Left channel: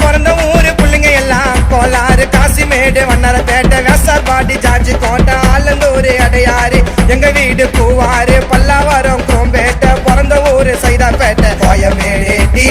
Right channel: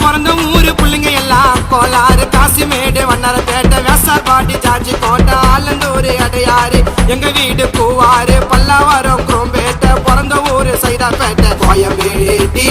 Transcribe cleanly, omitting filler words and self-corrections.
பிறந்த ஊரு புள்ளிங்க எல்லாம் கோலாறு காசிமேடு வண்ணாரப்பேட்டை வேசார்பாடி ஜார்ஜி கோட்டை ஆலந்தூர் அடையாறு எங்க வீடு பூவாறு பல்லாவரம் குரோம்பேட்டை பிறந்த ஊரு சைதாப்பேட்டை கோயம்பேடு டி